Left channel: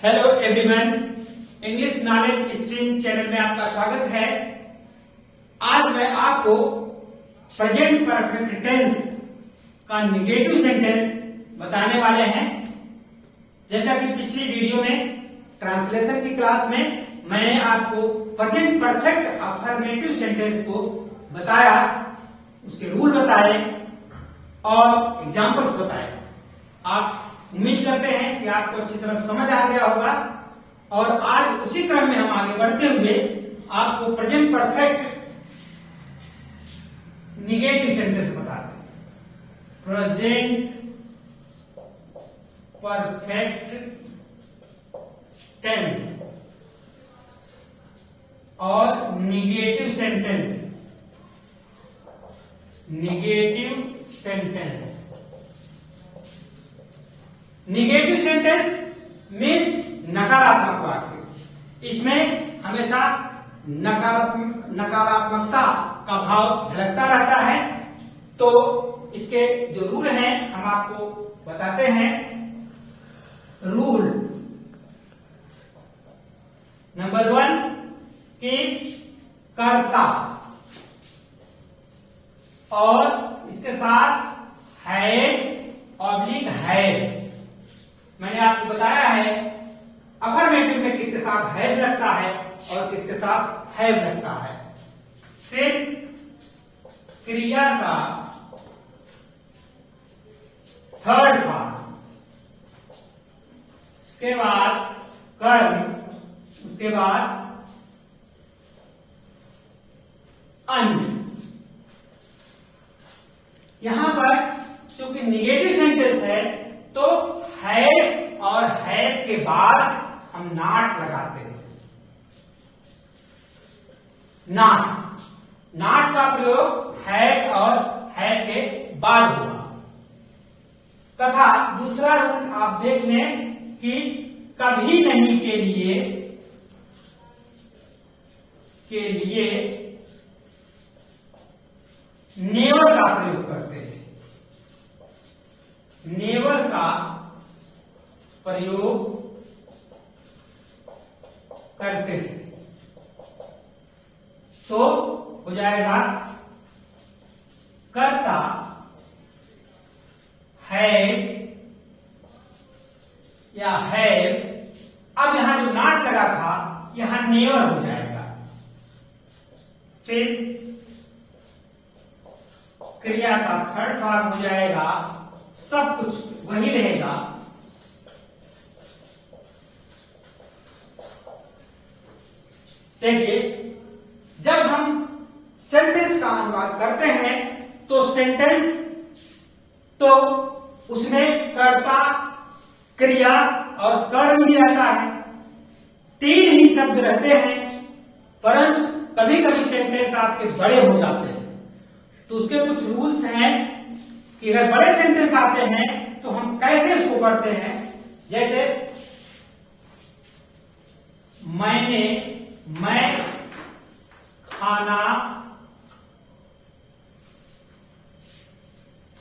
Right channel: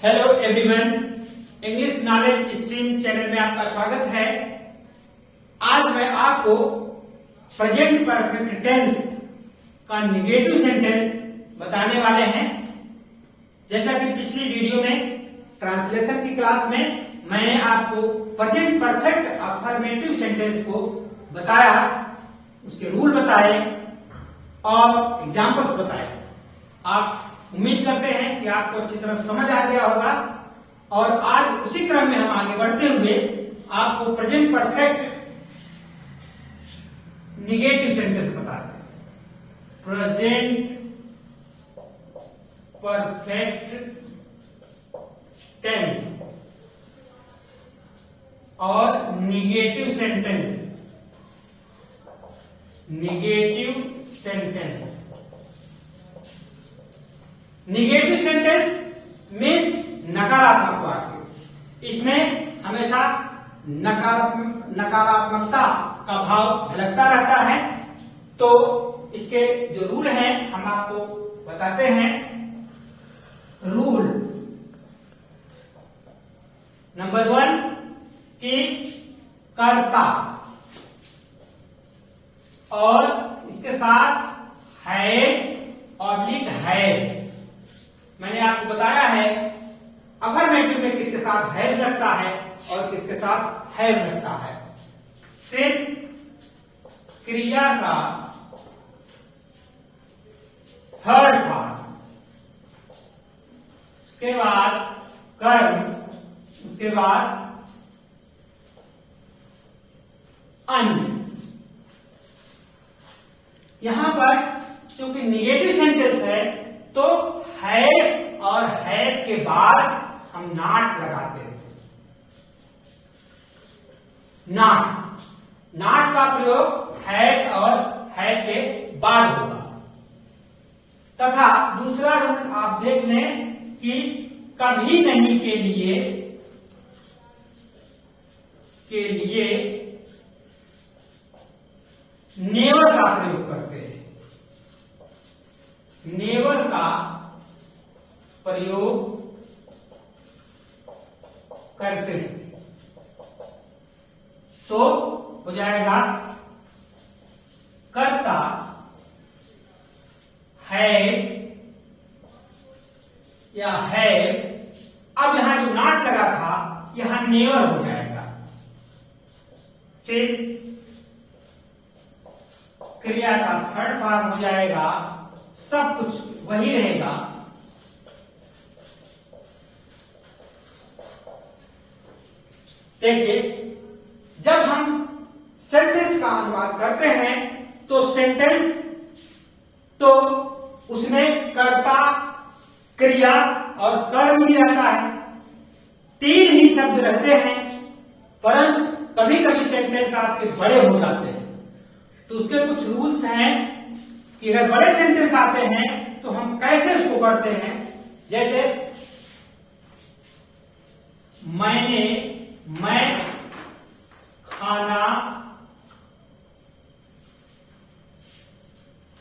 Hello everyone, English knowledge stream channel में आपका स्वागत है। आज मैं आपको प्रेजेंट परफेक्ट टेंस का निगेटिव सेंटेंस बताने वाले हैं। जैसा कि पिछली वीडियो में ट्रांसलेशन की क्लास में मैंने आपको प्रेजेंट परफेक्ट अफर्मेटिव सेंटेंस को बताया, उसके रूल बताए और एग्जाम्पल्स बताए। आप उम्मीद करते हैं कि आपको अच्छी तरह समझ आ गया होगा और आज उसी क्रम में हम आगे बढ़ते हुए आपको प्रेजेंट परफेक्ट निगेटिव सेंटेंस बताते हैं। प्रेजेंट परफेक्ट टेंस और negative sentence. Negative sentence means नकारात्मक वाक्य। इसमें हमेशा नकारात्मकता का भाव झलकता रहता है। तो इसके जो रूल हैं हम आपको बताते हैं। रूल नंबर 1 कि कर्ता और इसके साथ है। मैंने आपको बताया है अफर्मेटिव में किसके साथ हैज लगता है और किसके साथ हैव लगता है। फिर क्रिया का थर्ड पार्ट, उसके बाद कर्म, उसके बाद अन्य। यहां पर क्योंकि निगेटिव सेंटेंस है तो है और है के बाद हम नॉट लगाते हैं। नॉट का प्रयोग है और है के बाद होगा। तथा दूसरा रूल आप देख लें कि कभी नहीं के लिए नेवर का प्रयोग करते हैं। नेवर का प्रयोग करते हैं तो हो जाएगा कर्ता हैज या है। अब यहां जो नॉट लगा था यहां नेवर हो जाएगा। फिर क्रिया का थर्ड फॉर्म हो जाएगा, सब कुछ वही रहेगा। देखिए, जब हम सेंटेंस का अनुवाद करते हैं तो सेंटेंस तो उसमें कर्ता, क्रिया और कर्म ही रहता है। 3 ही शब्द रहते हैं। परंतु कभी कभी सेंटेंस आपके बड़े हो जाते हैं तो उसके कुछ रूल्स हैं कि अगर बड़े सेंटेंस आते हैं तो हम कैसे उसको करते हैं। जैसे मैं खाना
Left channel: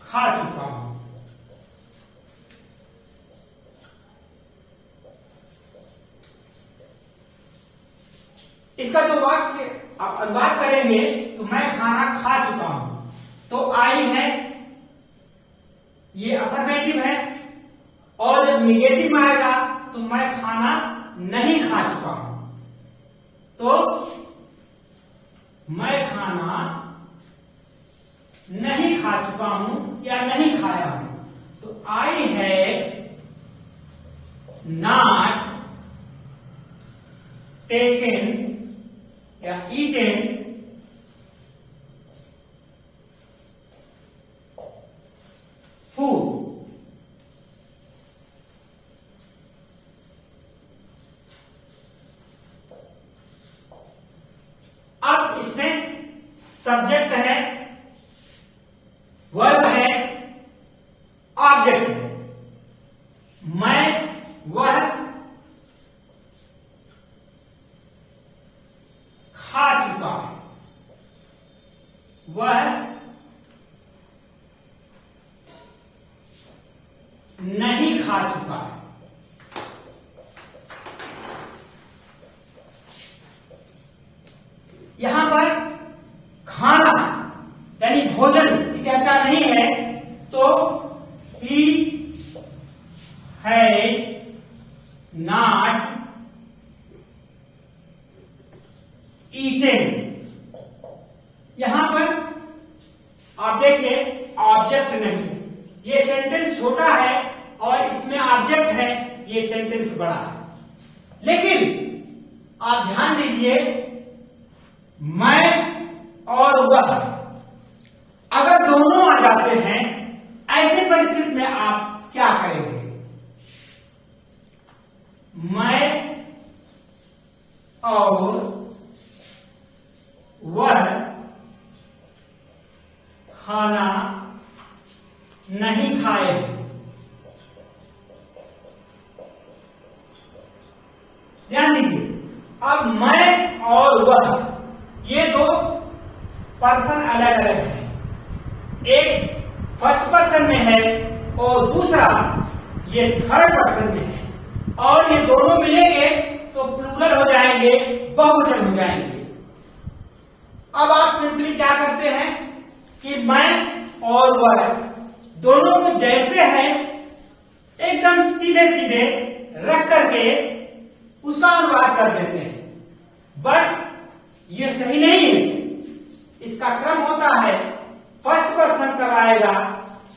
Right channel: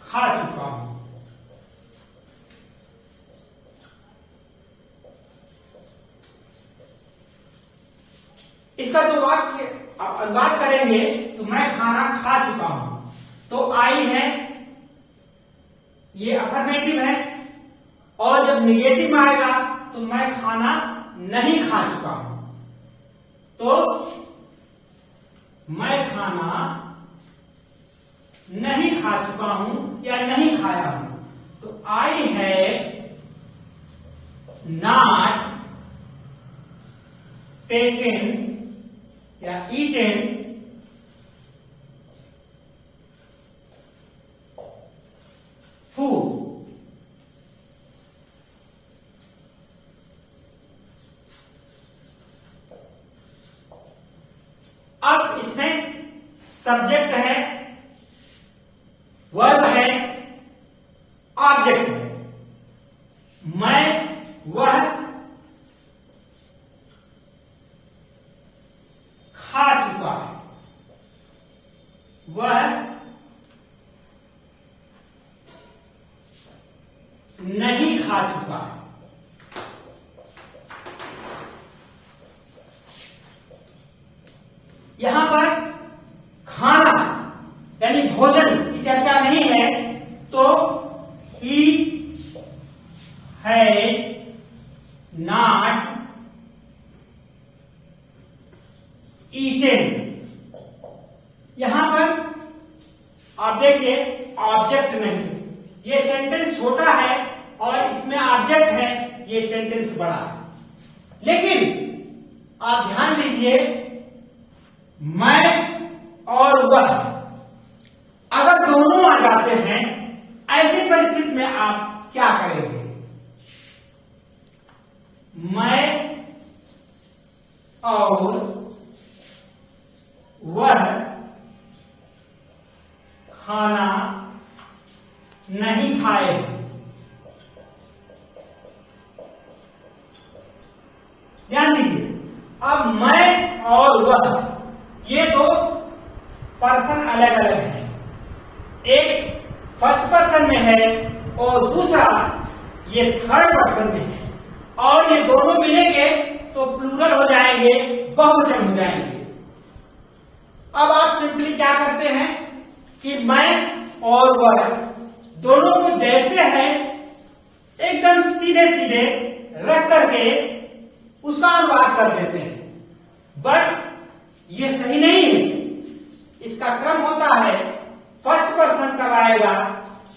खा चुका हूं। इसका जो वाक्य आप अनुवाद करेंगे तो मैं खाना खा चुका हूं तो आई है, ये अफर्मेटिव है। और जब निगेटिव आएगा तो मैं खाना नहीं खा चुका हूं तो मैं खाना नहीं खा चुका हूं या नहीं खाया हूं तो आई हैव नॉट टेकन या ईटेन फूड। अब इसमें सब्जेक्ट है, वर्ब है, ऑब्जेक्ट है। मैं वह खा चुका है, वह नहीं खा चुका। यहां पर खाना यानी भोजन की चर्चा नहीं है, तो ही हैज नॉट ईटेन। यहां पर आप देखिए ऑब्जेक्ट नहीं, ये सेंटेंस छोटा है और इसमें ऑब्जेक्ट है, ये सेंटेंस बड़ा है। लेकिन आप ध्यान दीजिए, मैं और वह अगर दोनों आ जाते हैं, ऐसी परिस्थिति में आप क्या करेंगे? मैं और वह खाना नहीं खाए। ध्यान दीजिए, अब मैं और वह ये दो पर्सन अलग अलग हैं। एक फर्स्ट पर्सन में है और दूसरा ये थर्ड पर्सन में है, और ये दोनों मिलेंगे तो प्लूरल हो जाएंगे, बहुवचन हो जाएंगे। अब आप सिंपली क्या करते हैं कि मैं और वह दोनों को जैसे है एकदम सीधे सीधे रख करके उसका अनुवाद कर देते हैं, बट ये सही नहीं है। इसका क्रम होता है फर्स्ट पर्सन कब आएगा,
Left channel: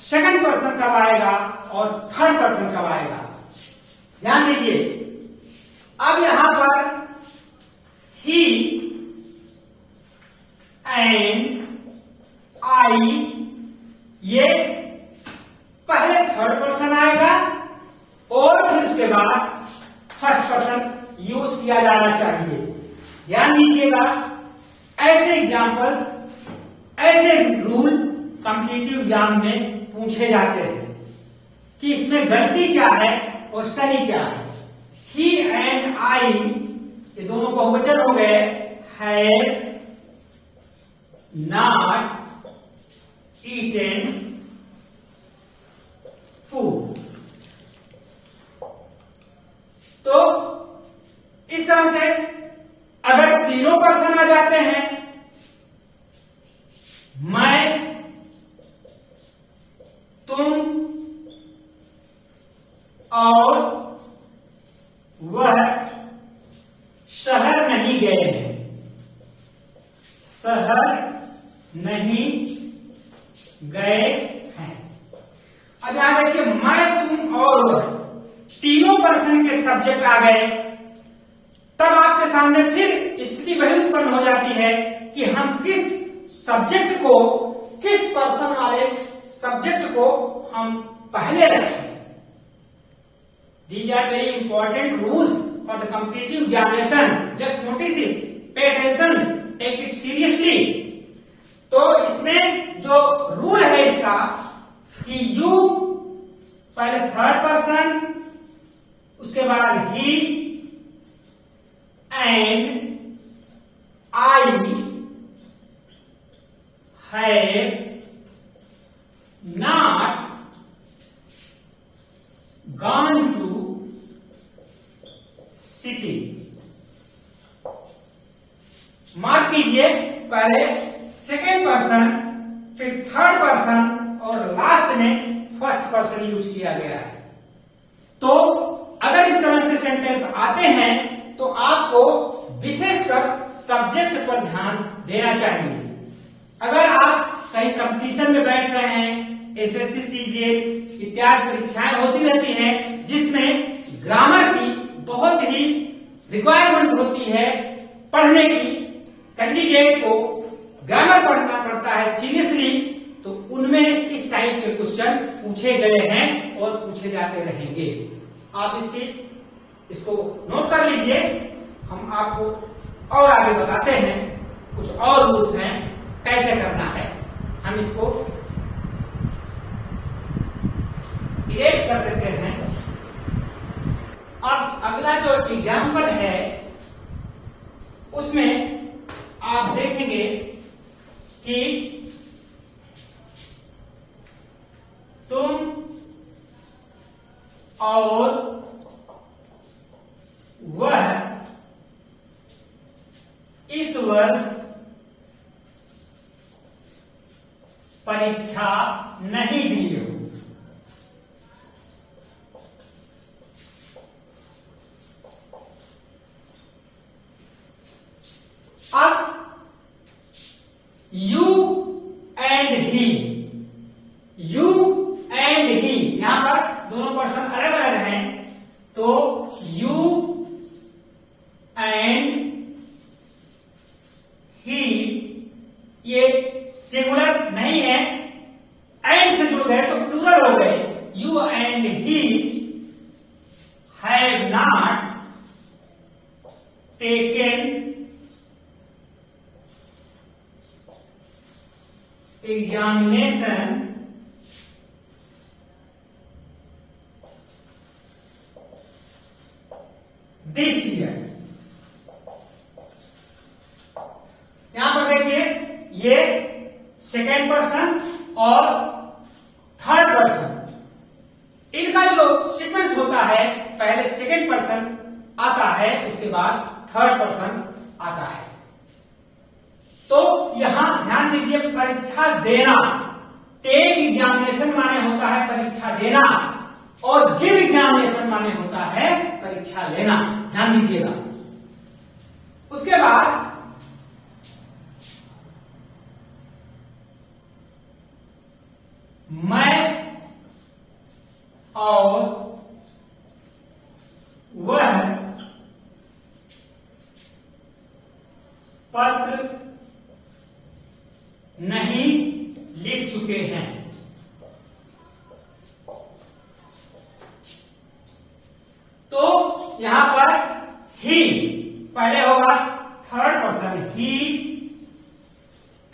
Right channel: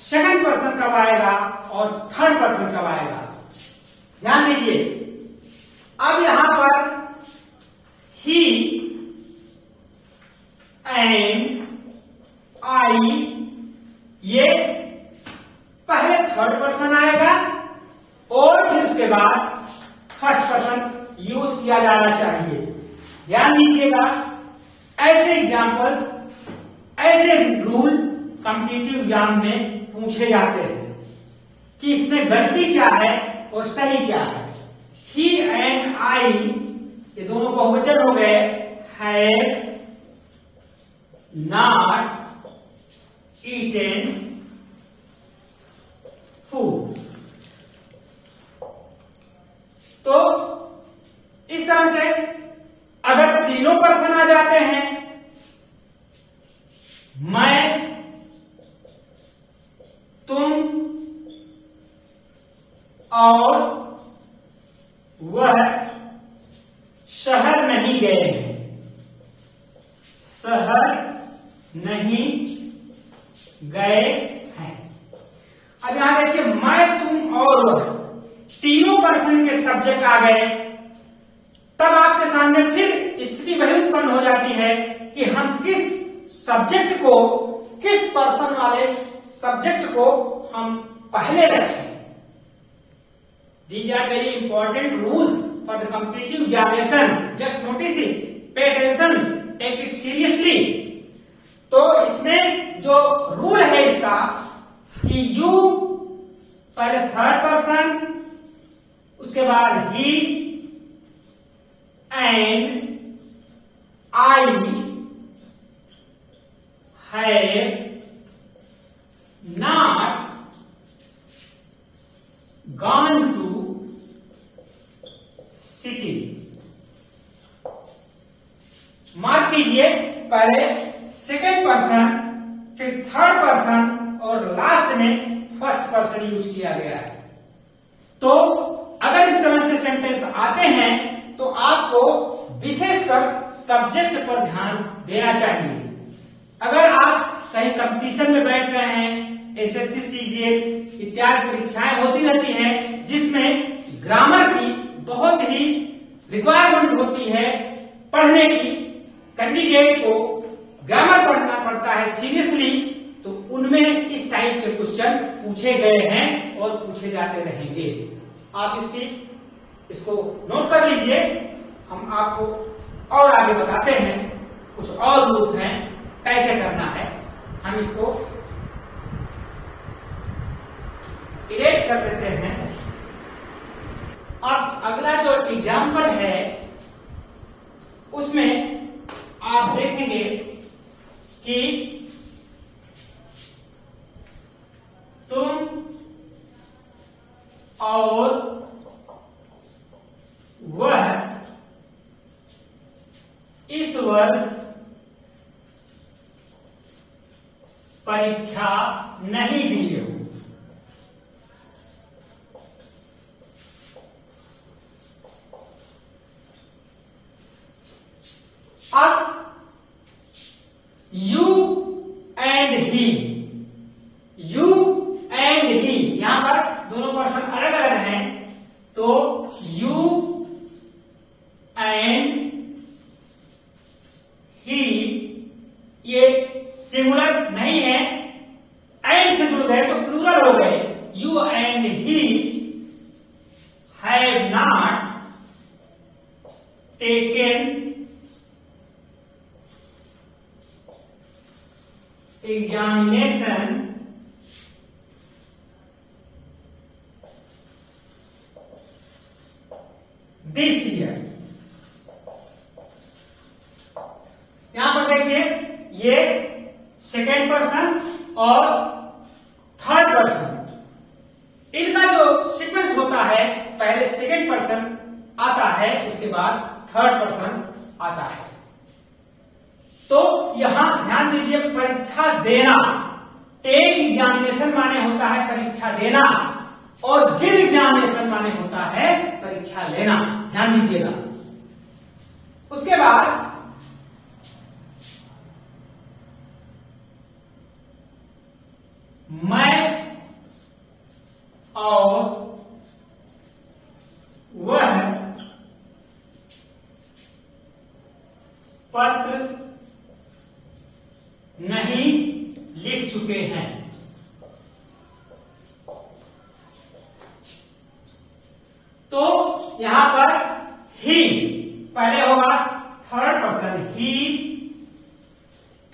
सेकंड पर्सन कब आएगा और थर्ड पर्सन कब आएगा। ध्यान दीजिए, अब यहां पर ही एंड आई, ये पहले थर्ड पर्सन आएगा और फिर उसके बाद फर्स्ट पर्सन यूज किया जाना चाहिए। ध्यान दीजिएगा, ऐसे एग्जाम्पल्स, ऐसे रूल कॉम्पिटिटिव एग्जाम में पूछे जाते हैं कि इसमें गलती क्या है और सही क्या है। ही एंड आई ये दोनों बहुवचन हो गए, हैड नॉट ईटेन फूड। तो इस तरह से अगर तीनों पर्सन आ जाते हैं, मैं, तुम और वह शहर नहीं गए हैं, शहर नहीं गए हैं। अब यहां देखिए, मैं, तुम और वह तीनों पर्सन के सब्जेक्ट आ गए, तब आपके सामने फिर स्थिति वही उत्पन्न हो जाती है कि हम किस सब्जेक्ट को, किस पर्सन वाले सब्जेक्ट को हम पहले रखें। These are very important rules for the competitive examination. Just notice it, pay attention, take it seriously. तो इसमें जो रूल है इसका कि यू पहले थर्ड पर्सन, उसके बाद he and I have not gone to city. Mark कीजिए, पहले सेकेंड पर्सन, फिर थर्ड पर्सन और लास्ट में फर्स्ट पर्सन यूज किया गया है। तो अगर इस तरह से सेंटेंस आते हैं तो आपको विशेषकर सब्जेक्ट पर ध्यान देना चाहिए। अगर आप कहीं कंपटीशन में बैठ रहे हैं, एसएससी, सीजीएल इत्यादि परीक्षाएं होती रहती हैं जिसमें ग्रामर की बहुत ही रिक्वायरमेंट होती है पढ़ने की, कैंडिडेट को ग्रामर पढ़ना पड़ता है सीरियसली, तो उनमें इस टाइप के क्वेश्चन पूछे गए हैं और पूछे जाते रहेंगे। आप इसको नोट कर लीजिए। हम आपको और आगे बताते हैं, कुछ और रूल्स हैं कैसे करना है। हम इसको इरेज कर देते हैं। अब अगला जो एग्जाम्पल है उसमें आप देखेंगे कि तुम और वह इस वर्ष परीक्षा नहीं दी हो। अब you and he, you and he, यहां पर दोनों पर्सन अलग अलग हैं, तो यू एंड ही ये सिंगुलर नहीं है, एंड से जुड़ गए तो प्लूरल हो गए। You and he have not taken examination this year. यहां पर देखिए ये सेकेंड पर्सन और थर्ड पर्सन, इनका जो सीक्वेंस होता है पहले सेकेंड पर्सन आता है, उसके बाद थर्ड पर्सन आता है। तो यहां ध्यान दीजिए, परीक्षा देना, टेक एग्जामिनेशन माने होता है परीक्षा देना, और गिव एग्जामिनेशन माने होता है परीक्षा लेना। ध्यान दीजिएगा। उसके बाद मैं और वह पत्र नहीं लिख चुके हैं। तो यहां पर ही पहले होगा third person, he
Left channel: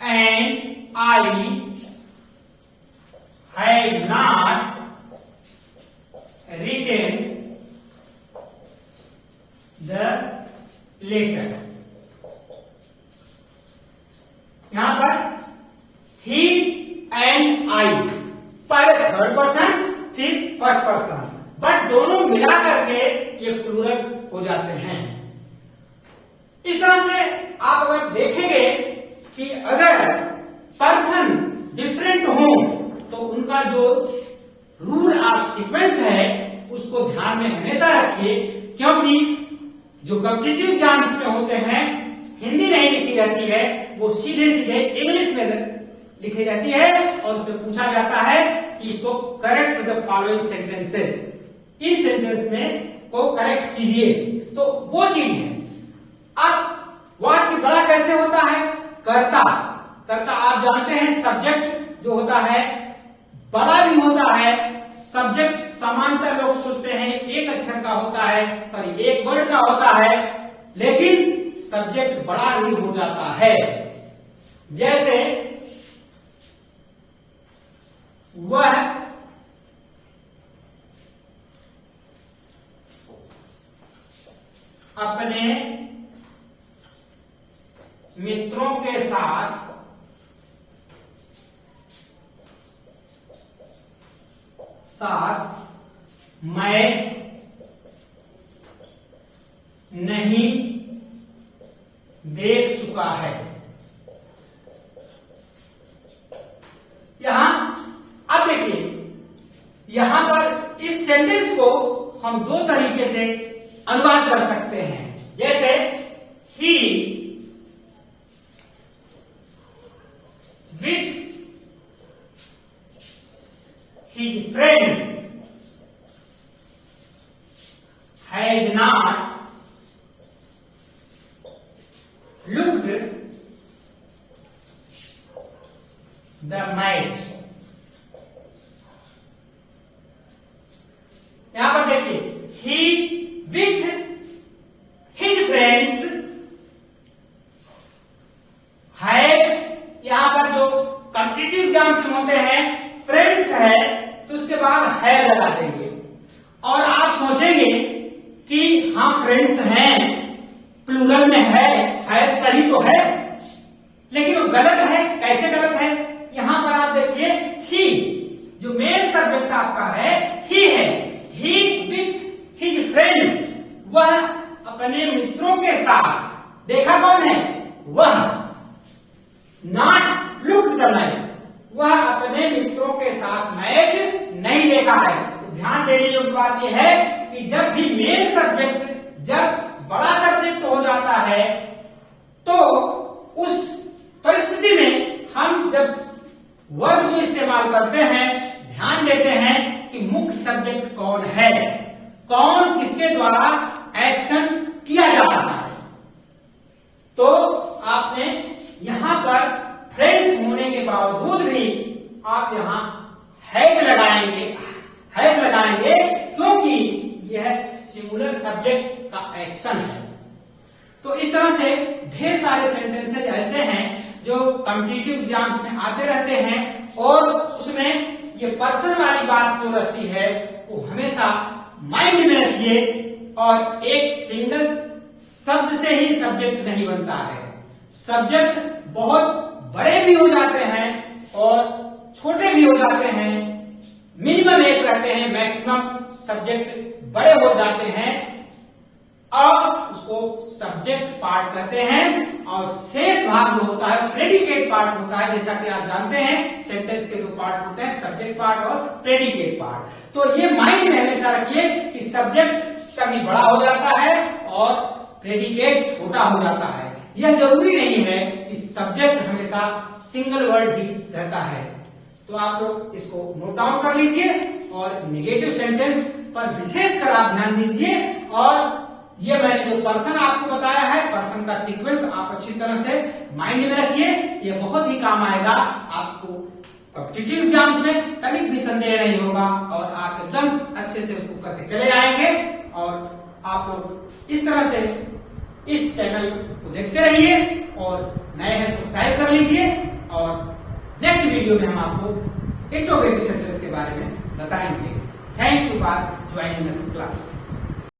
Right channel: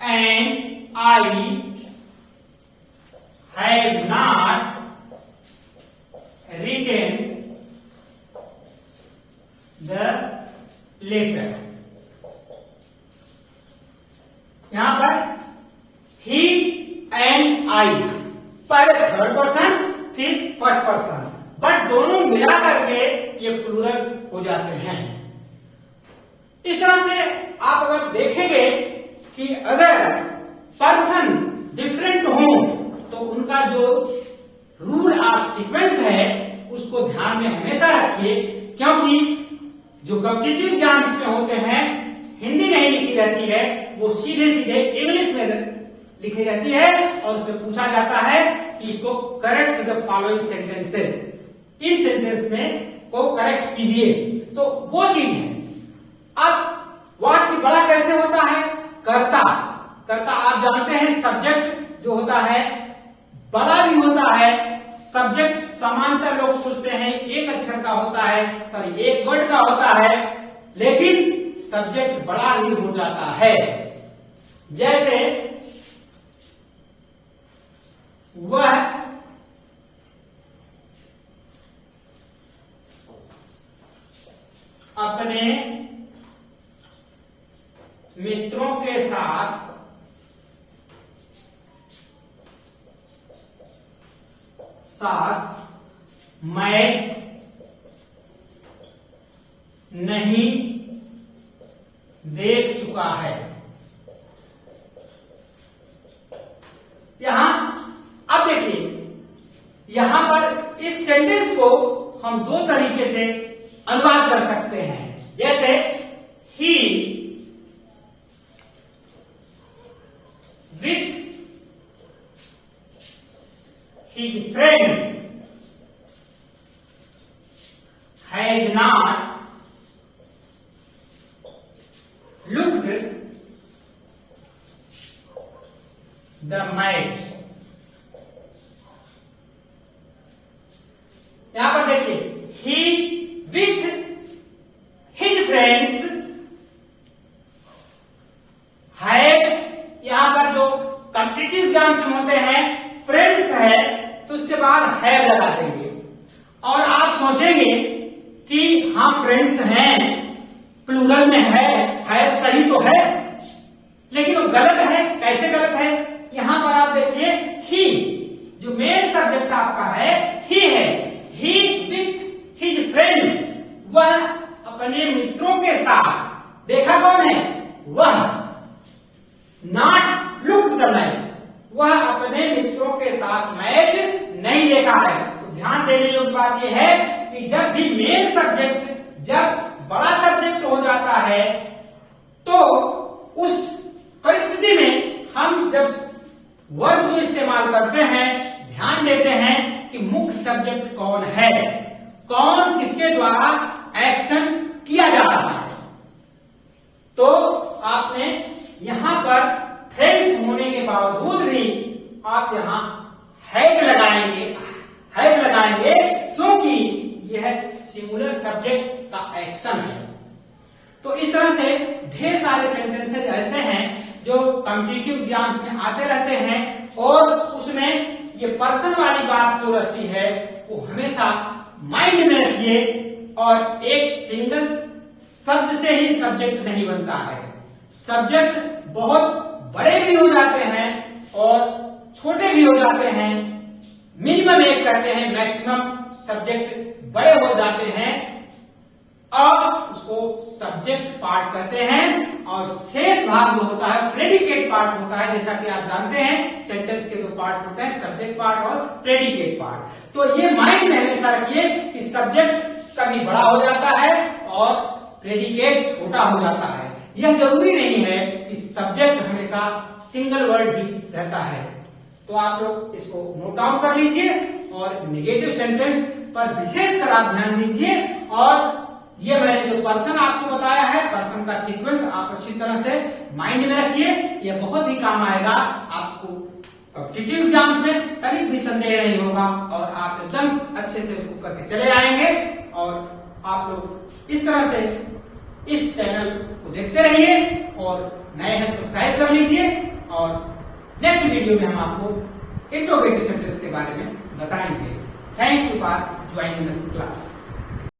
and I have not written the letter. यहां पर ही एंड आई, पहले थर्ड पर्सन फिर फर्स्ट पर्सन, बट दोनों मिला करके ये प्लूरल हो जाते हैं। इस तरह से आप अगर देखेंगे कि अगर पर्सन डिफरेंट हो तो उनका जो रूल ऑफ सीक्वेंस है उसको ध्यान में हमेशा रखिए, क्योंकि जो कॉम्पिटिटिव एग्जाम्स में होते हैं हिंदी नहीं लिखी जाती है, वो सीधे सीधे इंग्लिश में लिखी जाती है और उसमें पूछा जाता है कि इसको correct the following sentences, in sentence में को करेक्ट कीजिए। तो वो चीज है। अब वाक्य बड़ा कैसे होता है? कर्ता, कर्ता आप जानते हैं सब्जेक्ट जो होता है बड़ा भी होता है। सब्जेक्ट समांतर लोग सोचते हैं एक अक्षर का होता है, सॉरी एक वर्ड का होता है, लेकिन सब्जेक्ट बड़ा भी हो जाता है। जैसे वह अपने मित्रों के साथ मैच नहीं देख चुका है। यहां अब देखिए, यहां पर इस सेंटेंस को हम दो तरीके से अनुवाद कर सकते हैं। जैसे he with his friends has not looked the match। यहां पर देखिए he with his friends had, यहां पर जो कॉम्पिटिटिव एग्जाम्स होते हैं फ्रेंड्स है तो उसके बाद है लगा देंगे और आप सोचेंगे कि हाँ फ्रेंड्स हैं, प्लूरल में है सही तो है, लेकिन वो गलत है। कैसे गलत है? यहां पर आप देखिए ही जो मेन सब्जेक्ट आपका है ही है, ही विथ हिज फ्रेंड्स, वह अपने मित्रों के साथ, देखा कौन है? वह। नॉट लुक्ड द मैच, वह अपने मित्रों के साथ मैच नहीं देखा है। तो ध्यान देने योग्य बात यह है कि जब भी मेन सब्जेक्ट जब बड़ा सब्जेक्ट हो जाता है तो उस परिस्थिति में हम जब वर्ब को इस्तेमाल करते हैं, ध्यान देते हैं कि मुख्य सब्जेक्ट कौन है, कौन किसके द्वारा एक्शन किया जा रहा है। तो आपने यहां पर फ्रेंड्स होने के बावजूद भी आप यहां हैज लगाएंगे क्योंकि यह सिंगुलर सब्जेक्ट का एक्शन है। तो इस तरह से ढेर सारे सेंटेंसेज ऐसे हैं जो कॉम्पिटिटिव एग्जाम्स में आते रहते हैं और उसमें ये पर्सन वाली बात जो रहती है वो हमेशा माइंड में रखिए। और एक सिंगल शब्द से ही सब्जेक्ट नहीं बनता है, सब्जेक्ट बहुत बड़े भी हो जाते हैं और छोटे भी हो जाते हैं। मिनिमम एक रहते हैं, मैक्सिमम सब्जेक्ट बड़े हो जाते हैं और उसको सब्जेक्ट पार्ट कहते हैं। और शेष भाग जो होता है प्रेडिकेट पार्ट होता है। जैसा कि आप जानते हैं सेंटेंस के दो पार्ट होते हैं, सब्जेक्ट पार्ट और प्रेडिकेट पार्ट। तो ये माइंड में हमेशा रखिए कि सब्जेक्ट कभी बड़ा हो जाता है और प्रेडिकेट छोटा हो जाता है। यह जरूरी नहीं है कि सब्जेक्ट हमेशा सिंगल वर्ड ही रहता है। तो आप लोग इसको नोट डाउन कर लीजिए और नेगेटिव सेंटेंस पर विशेषकर आप ध्यान दीजिए। और ये मैंने जो पर्सन आपको बताया है, पर्सन का सीक्वेंस आप अच्छी तरह से माइंड में रखिए। ये बहुत ही काम आएगा आपको कॉम्पिटिटिव एग्जाम्स में, तनिक भी संदेह नहीं होगा और आप एकदम अच्छे से उसको करके चले आएंगे। और आप लोग इस तरह से इस चैनल को देखते रहिए और नए हैं सब्सक्राइब कर लीजिए। और नेक्स्ट वीडियो में हम आपको इंट्रोगेटिव सेंटेंस के बारे में बताएंगे। Thank you for joining this class.